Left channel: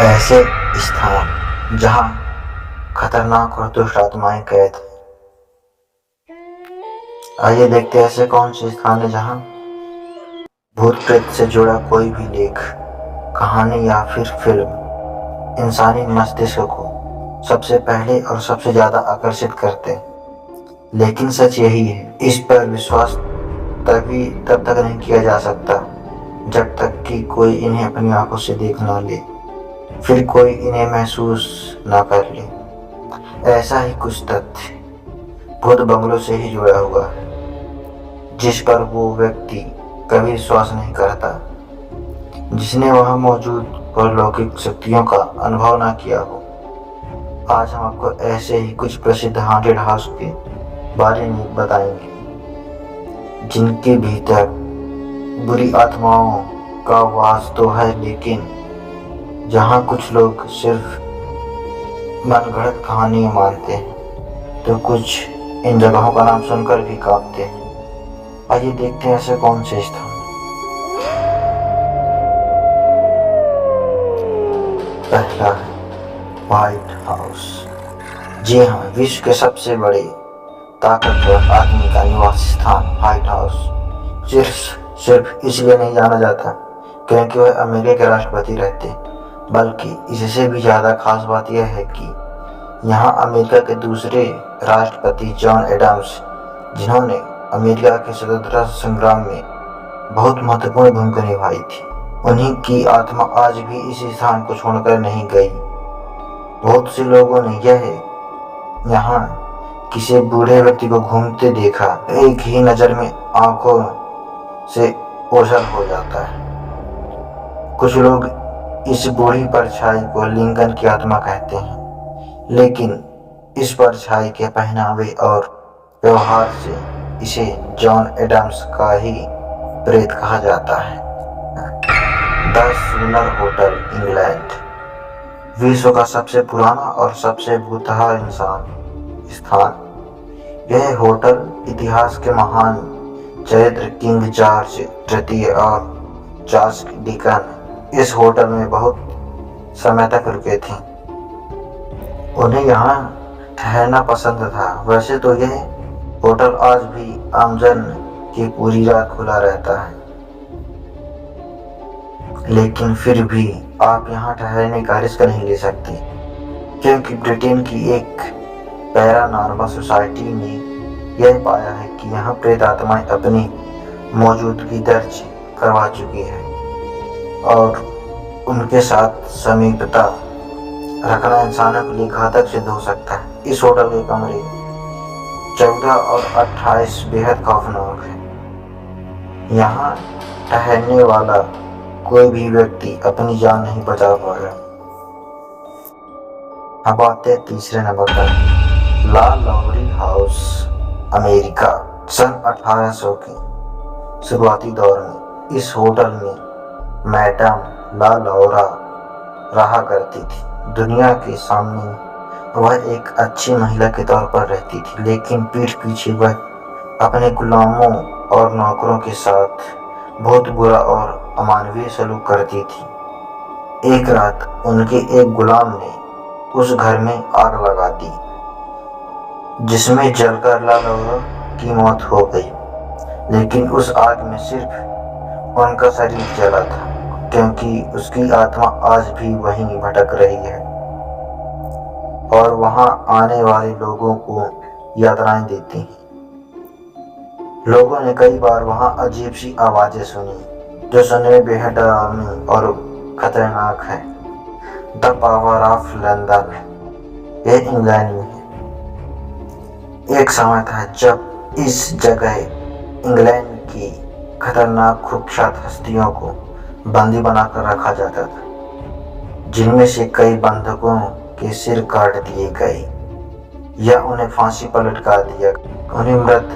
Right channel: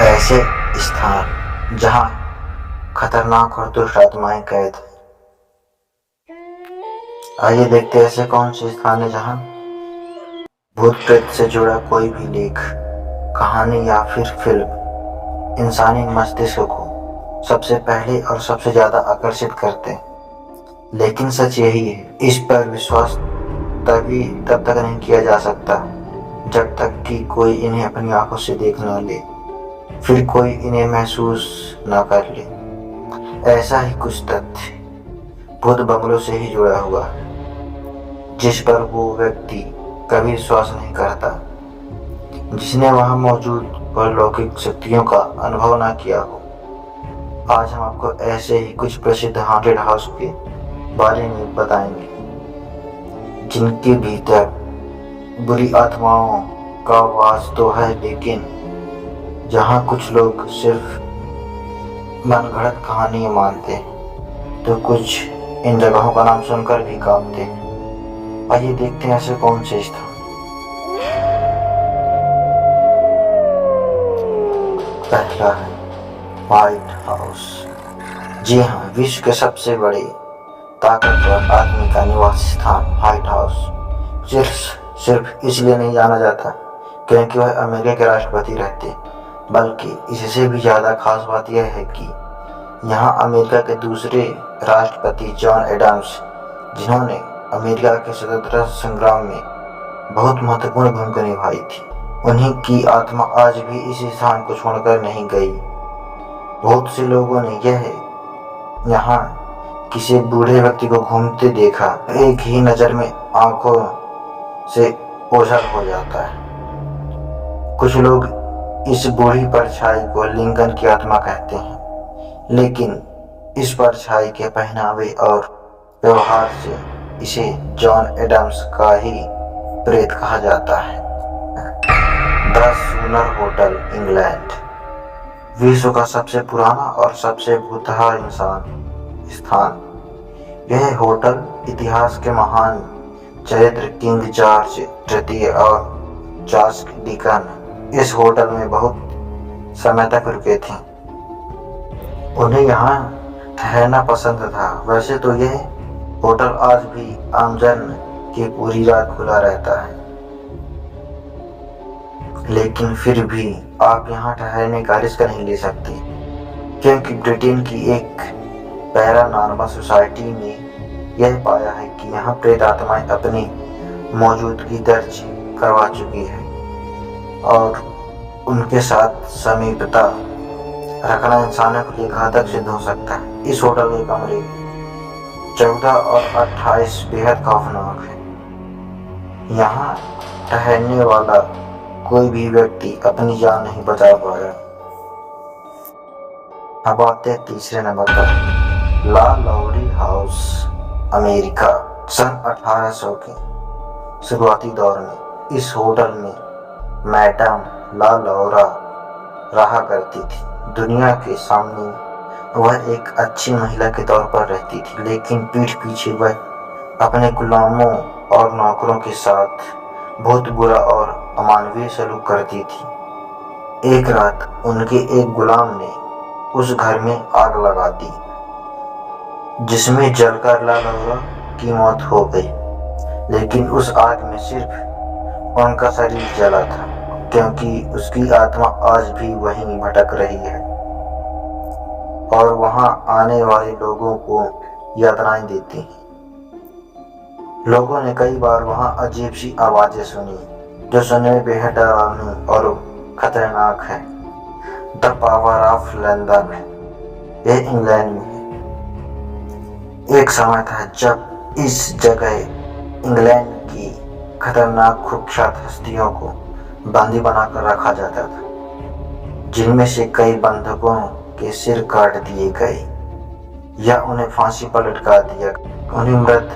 ऐसे स्थान जहाँ खतरनाक और दुष्ट आत्माएं कैद हैं। आइए देखते हैं ऐसे कौन से स्थान है जहाँ भूत प्रेत से जुड़ा कोई भी लेख, कहानी या फिर फिल्म इंसानी मस्तिष्क को सबसे पहले और सबसे ज्यादा आकर्षित करते हैं। लेकिन सच यही है, इस पर विश्वास तब तक नहीं किया जा सकता जब तक कि कोई इन्हें अपनी आंखों से देख न ले, फिर कोई इन्हें महसूस न कर ले। ऐसा ही कुछ तथ्य भूत बंगलों से ही जुड़ा हुआ है, जिस पर वो व्यक्ति कभी विश्वास नहीं करता जिसने वहां मौजूद परलौकिक शक्तियों का अनुभव न किया हो। आज हम आपको ऐसे ही कुछ प्रसिद्ध हॉन्टेड हाउस के बारे में बताएंगे जिनके भीतर बुरी आत्माओं का वास तो है, लेकिन जहाँ कुछ लोग सिर्फ मनगढ़ंत कहानियाँ मानते हैं तो कुछ इन जगहों का नाम सुनकर भी कांपते हैं। आइए देखते हैं ऐसे कौन से स्थान। पहला है व्हाइट हाउस। जी हाँ, विश्व के सबसे बड़े ताकतवर आदमी का निवास स्थान व्हाइट हाउस सिर्फ इसलिए नहीं जाना जाता क्योंकि वह अमेरिका के राष्ट्रपति रहते, बल्कि इससे भी ज़्यादा खास बात यह है कि यहाँ अमेरिका के दूसरे राष्ट्रपति जॉन एडम्स, जिन्होंने अमेरिका के स्वतंत्रता संग्राम में बहुत महत्वपूर्ण भूमिका निभाई थी, उन्हीं की आत्मा आज भी इस स्थान को छोड़कर नहीं गई। बहुत से लोगों ने यहाँ किसी बूढ़े व्यक्ति को घूमते देखा, एक ही नज़र में आंखों से ओझल हो जाता है। कुछ लोग इस बूढ़ी परछाई को लिंकन की आत्मा कहते हैं, लेकिन इस परछाई के पहनावे और व्यवहार से इसे जॉन एडम्स का ही प्रेत कहा जाता है। The sooner hotel, England. विश्व का सबसे पुराना और सबसे भूतहा स्थान। यह होटल इतिहास के महान चरित्र किंग जॉर्ज तृतीय और चार्ल्स डिकन इस होटल में बहुत समय तक रुके थे। उन्हें यहाँ ठहरना पसंद था। वैसे तो यह होटल आज भी आमजन की पूरी रात खुला रहता है, लेकिन फिर भी आप यहाँ ठहरने का रिस्क नहीं ले सकते, क्योंकि ब्रिटेन की एक पैरानॉर्मल सोसाइटी ने यह पाया है कि यहाँ प्रेत आत्माएं अपनी मौजूदगी दर्ज करवा चुकी है और उनके साथ समीपता रखना इंसानों के लिए घातक सिद्ध हो सकता है। इस होटल के कमरे 14 और 28 बेहद खौफनाक है। यहाँ ठहरने वाला कोई भी व्यक्ति अपनी जान नहीं बचा पाया। अब आते हैं तीसरे नंबर पर, ला लौरी हाउस, अमेरिका। सन 1800 के शुरुआती दौर में इस होटल में मैडम ला लौरा रहा करती थी। दुनिया के सामने वह एक अच्छी महिला के तौर पर रहती थी, लेकिन पीठ पीछे वह अपने गुलामों और नौकरों के साथ बहुत बुरा और अमानवीय सलूक करती थी। एक रात उनके एक गुलाम ने उस घर में आग लगा दी, जिसमें जलकर ला लौरा की मौत हो गई। लेकिन उस आग में सिर्फ उनका शरीर जला था, क्योंकि उसकी आत्मा आज भी वहीं भटक रही है और वहां आने वाले लोगों को यातनाएं देती है। लोगों ने कई बार वहां अजीब सी आवाजें सुनी, जो सुनने में बेहद डरावनी और खतरनाक है। द पावर ऑफ लंदन, यह इंग्लैंड में है। एक समय था जब इस जगह इंग्लैंड की खतरनाक कुख्यात हस्तियों को बंदी बनाकर रखा जाता था, जिनमें से कई बंधकों के सिर काट दिए गए या उन्हें फांसी पर लटका दिया। उन्हीं मृत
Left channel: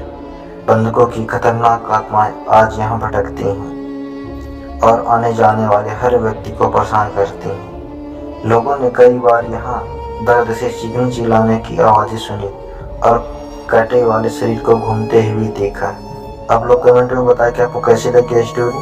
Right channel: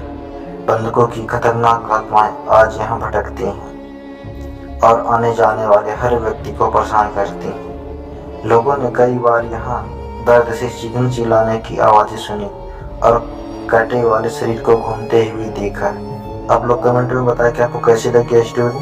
बंधकों की खतरनाक आत्माएं आज यहाँ भटकती हैं और आने जाने वाले हर व्यक्ति को परेशान करती हैं। लोगों ने कई बार यहाँ दर्द से चीखने चिल्लाने की आवाज़ें सुनी और कटे वाले शरीर को घूमते हुए देखा। आप लोग कमेंट में बताएं कि आपको कैसी लगी स्टोरी।